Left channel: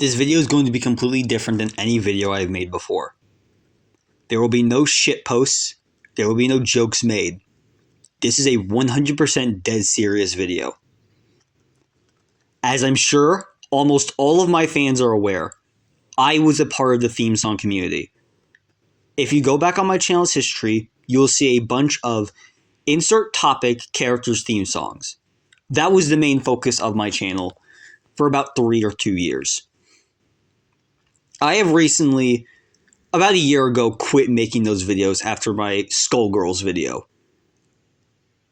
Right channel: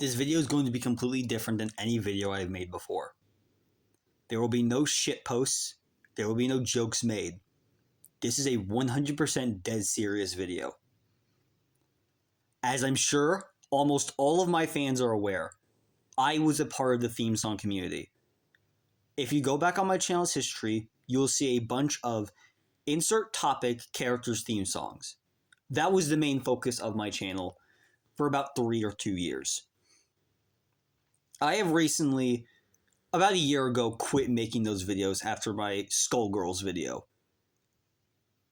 This video is going to be completely different than any video I have made before. There will be no shit posts. There will be no jokes made. This is a 100% dead serious video. As I'm sure almost all of my fans are aware, I was a part of the theme song community. If you go back on my channel's history, you will see a bunch of insert topic characters theme songs. That was the main focus of my channel for about 3 or 2 years. I have recently, about a year ago, quit making those videos after my Skullgirls video.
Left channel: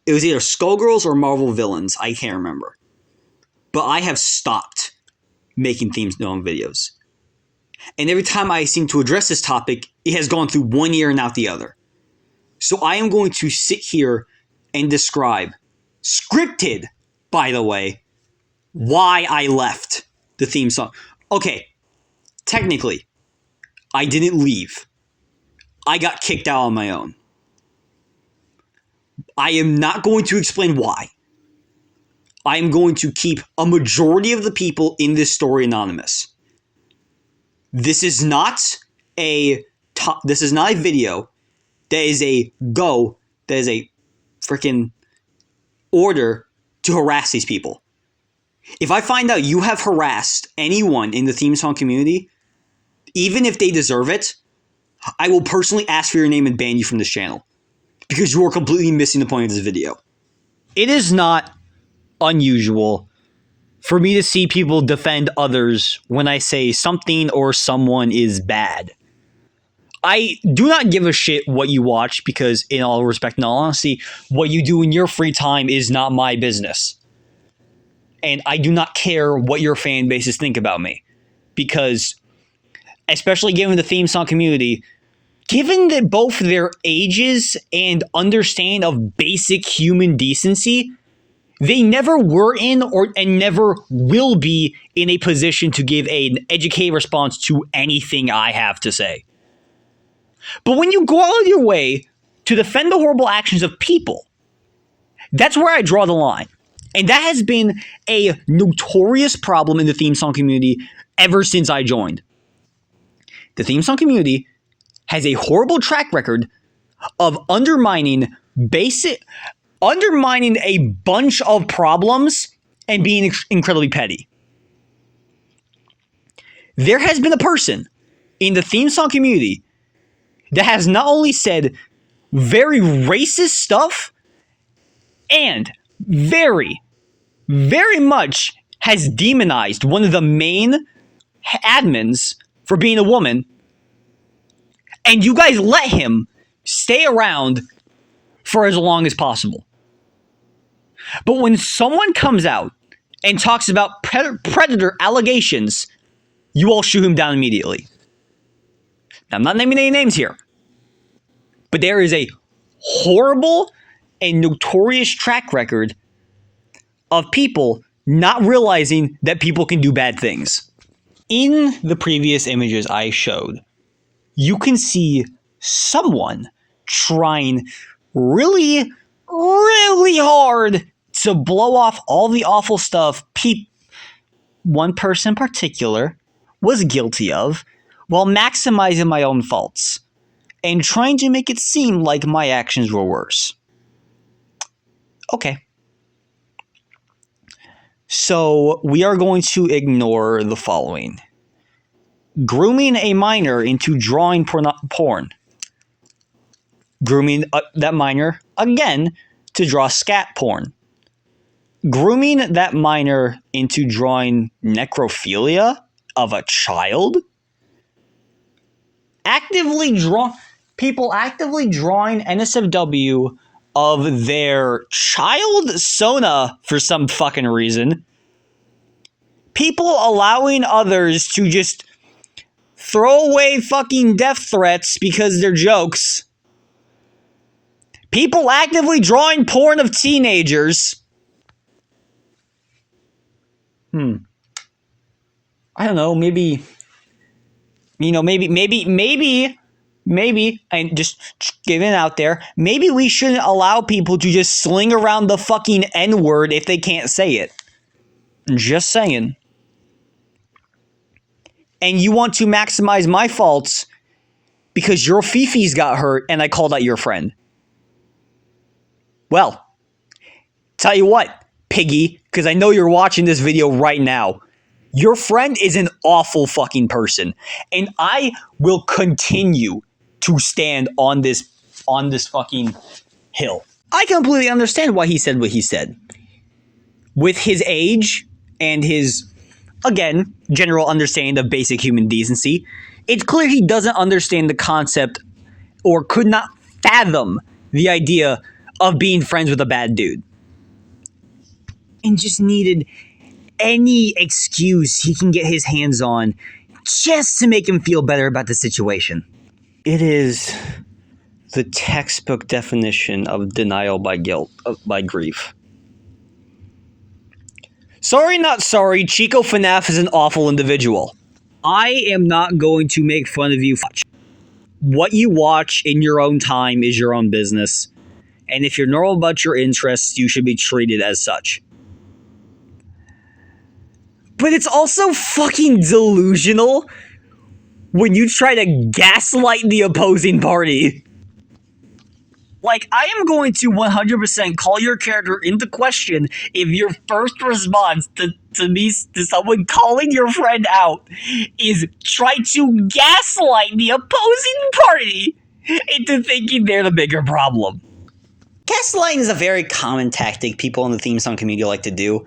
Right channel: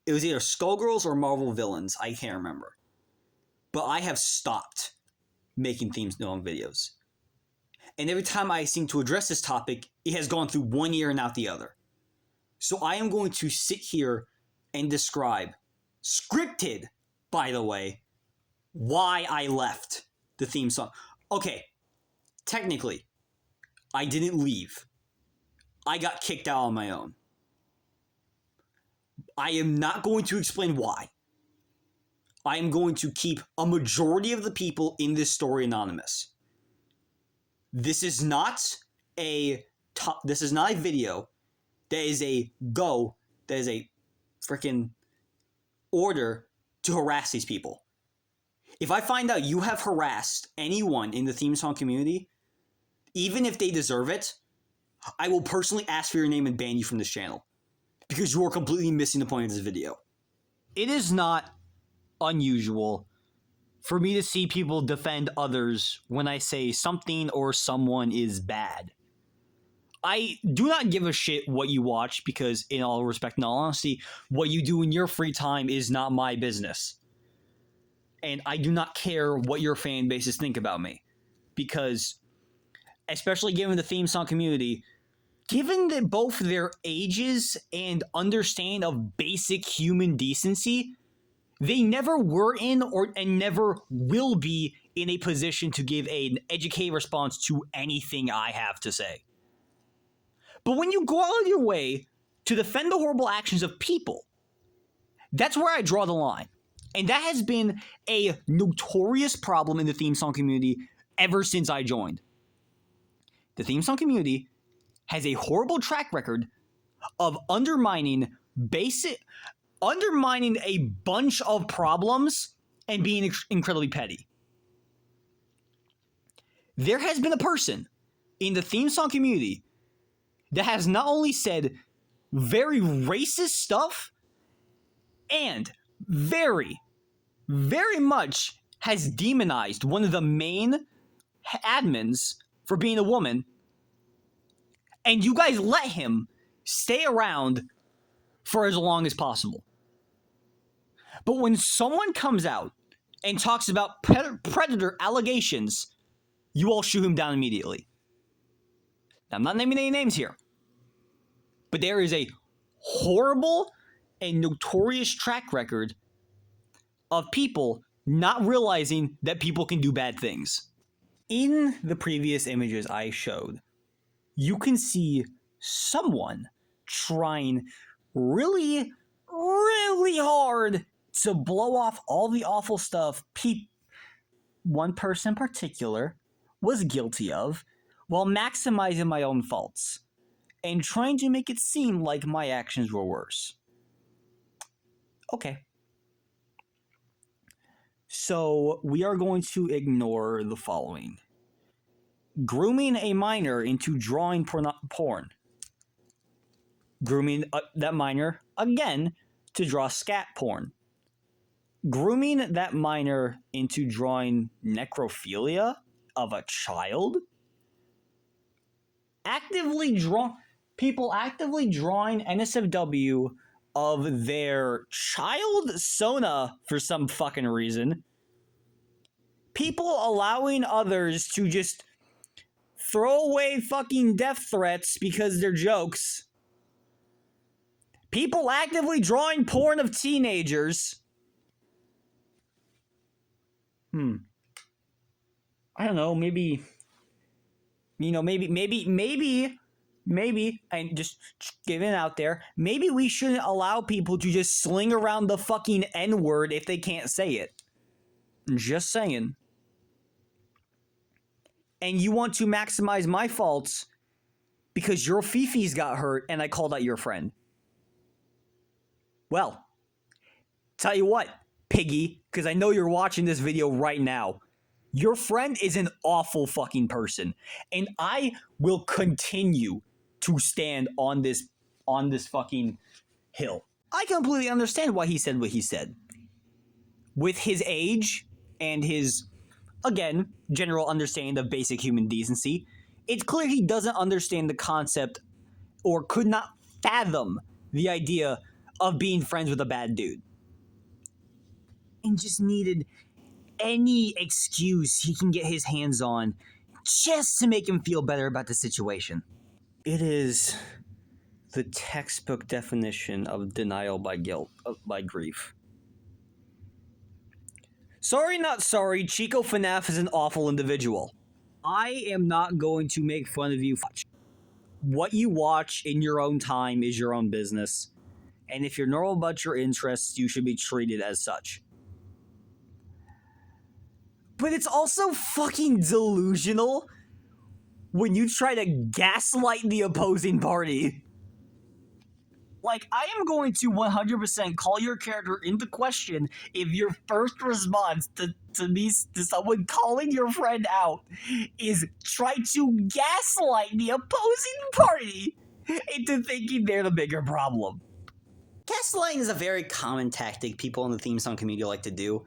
It was either Skullgirls or Marvel Villains, I can't remember. But I have stopped making theme song videos. And every time I seem to address this topic, it has gone through one ear and out the other. So I am going to sit here and describe, scripted, by the way, why I left the theme song. Okay, technically, I didn't leave. I got kicked out on my own. I am not going to explain why. I am going to keep a majority of the people in this story anonymous. This is not a video that is a freaking order to harass these people. If I find out you have harassed anyone in the theme song community, even if they deserve it, I will personally ask for your name and ban you from this channel. Because you are completely missing the point of this video. It is not unusual for me to see people defend others when I say something or someone is bad. I do not give a shit what you watch because, in all respect and all honesty, what you do in your free time is not my business. And I do not care what your fan bases think about me. Because, especially given the theme song community, given that both their ages and understand of basic human decency, they never were in and never will be in a position to give an educated response to anything I have to say. But when you go out of your way to defend the horrible actions of people, that's where I draw the line. And that has been a notorious problem in the theme song community ever since I joined. The theme song community has a horrible track record of undermining a bunch of problems and being incredibly petty. There has been a person in the theme song community that has not only said very racist stuff and very, very much has demonized one of the main admins for being a woman, and you guys let him stay around for as long as possible. But when someone comes out and talks about predator allegations, you all shoot him down immediately. Now, I'm not naming any names here, but there is a horrible and notorious track record of people not realizing that people can do bad things. In the previous images I showed, you can see someone trying really, really hard to blow off all the awful stuff one person in particular was guilty of, while maximizing my own faults and trying to make it seem like my actions were worse. Okay. So we are going to ignore the following. Grooming a minor into drawing porn. Grooming that minor, again, to draw scat porn. Grooming that minor into drawing necrophilia of a child. People actively drawing NSFW of their child Sona for some fucking reason. People allowing others to just throw away fucking death threats because they're jokes. People actively drawing porn of teenagers. I don't know, maybe, and just giving it out there, maybe we shouldn't allow people to just sling around the fucking N-word if they can't say it. Just saying. and you want to maximize my faults because your Fifi's got hurt and I called out your friend. Well, tell you what, Piggy, because I know you're watching this video right now. Your friend is an awful fucking person, and I will continue to stand on this fucking hill. I completely understand why he said what he said. With his age and his, again, general understanding of basic human decency, it's clear he doesn't understand the concept or could not fathom the idea of being friends with a bad dude. And just needed any excuse he can get his hands on just to make him feel better about the situation. It is the textbook definition of denial by guilt, by grief. Sorry, not sorry, Chico FNAF is an awful individual. I am not going to make fun of you. What you watch in your own time is your own business. And if you're normal about your interests, you should be treated as such. But it's also fucking delusional when you try to gaslight the opposing party. Like, I am going to 100% call your character into question if your first response to someone calling your friend out is try to gaslight the opposing party into thinking they're the bigger problem. Gaslighting is a very common tactic people in the theme song community like to do.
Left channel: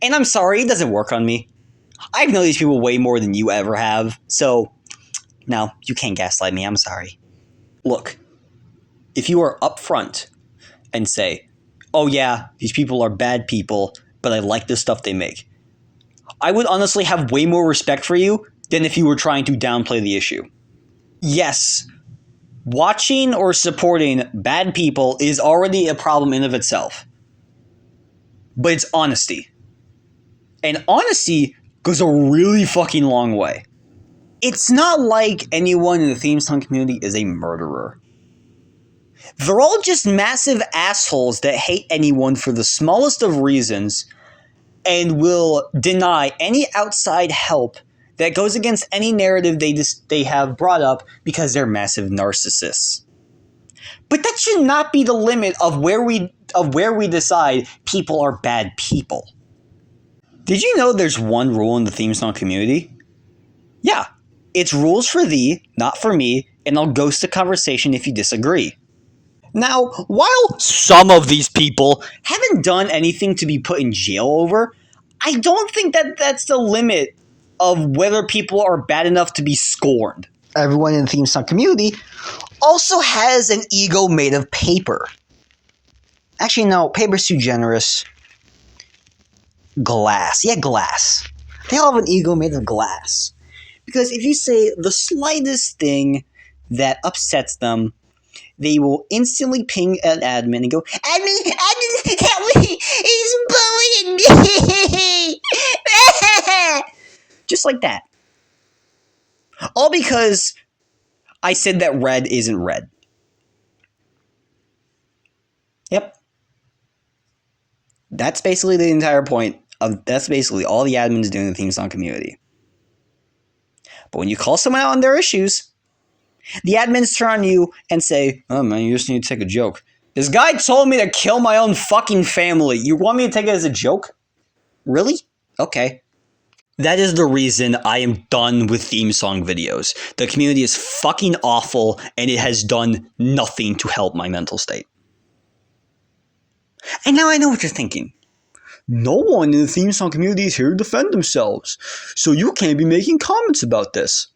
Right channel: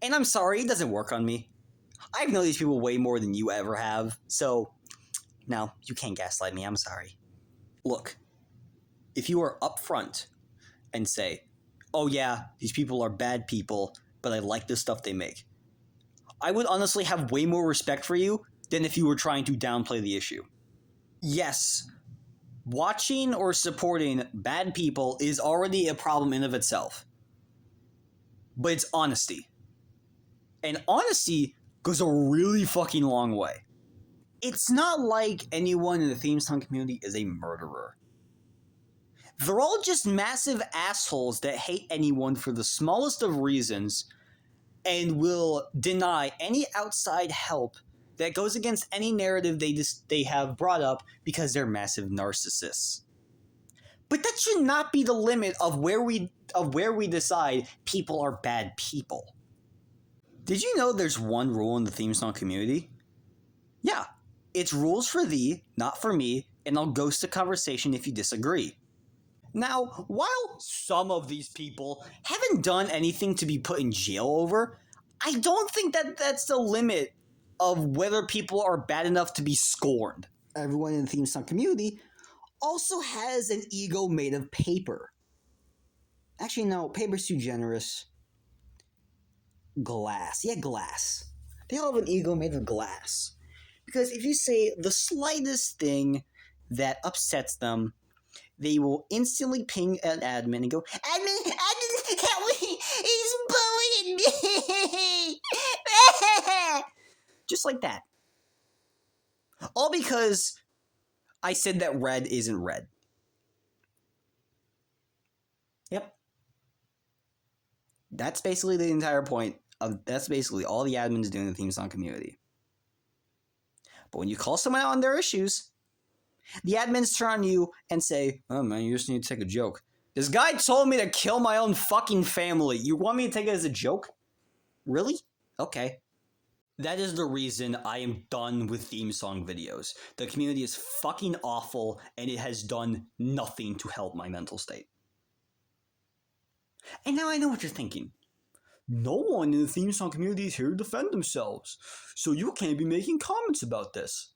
And I'm sorry, it doesn't work on me. I've known these people way more than you ever have, so no, you can't gaslight me, I'm sorry. Look, if you are upfront and say, oh yeah, these people are bad people, but I like the stuff they make, I would honestly have way more respect for you than if you were trying to downplay the issue. Yes, watching or supporting bad people is already a problem in of itself. But it's honesty. And honesty goes a really fucking long way. It's not like anyone in the theme song community is a murderer. They're all just massive assholes that hate anyone for the smallest of reasons and will deny any outside help that goes against any narrative they have brought up because they're massive narcissists. But that should not be the limit of where we decide people are bad people. Did you know there's one rule in the theme song community? Yeah, it's rules for thee, not for me, and I'll ghost the conversation if you disagree. Now, while some of these people haven't done anything to be put in jail over, I don't think that that's the limit of whether people are bad enough to be scorned. Everyone in the theme song community also has an ego made of paper. Actually, no, paper's too generous. Glass. Yeah, glass. They all have an ego made of glass. Because if you say the slightest thing that upsets them, they will instantly ping an admin and go, Admin, help me, he's bullying me. Just like that. All because I said that red isn't red. Yep. That's basically the entire point. That's basically all the admins do in the theme song community. But when you call someone out on their issues, the admins turn on you and say, oh man, you just need to take a joke. This guy told me to kill my own fucking family. You want me to take it as a joke? Really? Okay. That is the reason I am done with theme song videos. The community is fucking awful and it has done nothing to help my mental state. And now I know what you're thinking. No one in the theme song community is here to defend themselves, so you can't be making comments about this.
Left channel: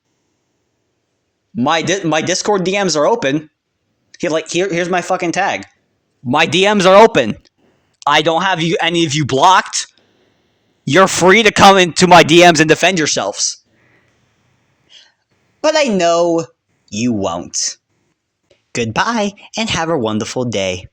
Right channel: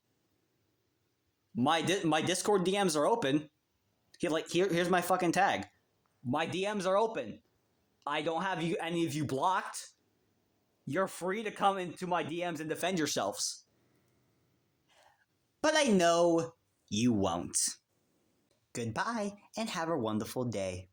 My Discord DMs are open. Here's my fucking tag. My DMs are open. I don't have any of you blocked. You're free to come into my DMs and defend yourselves. But I know you won't. Goodbye and have a wonderful day.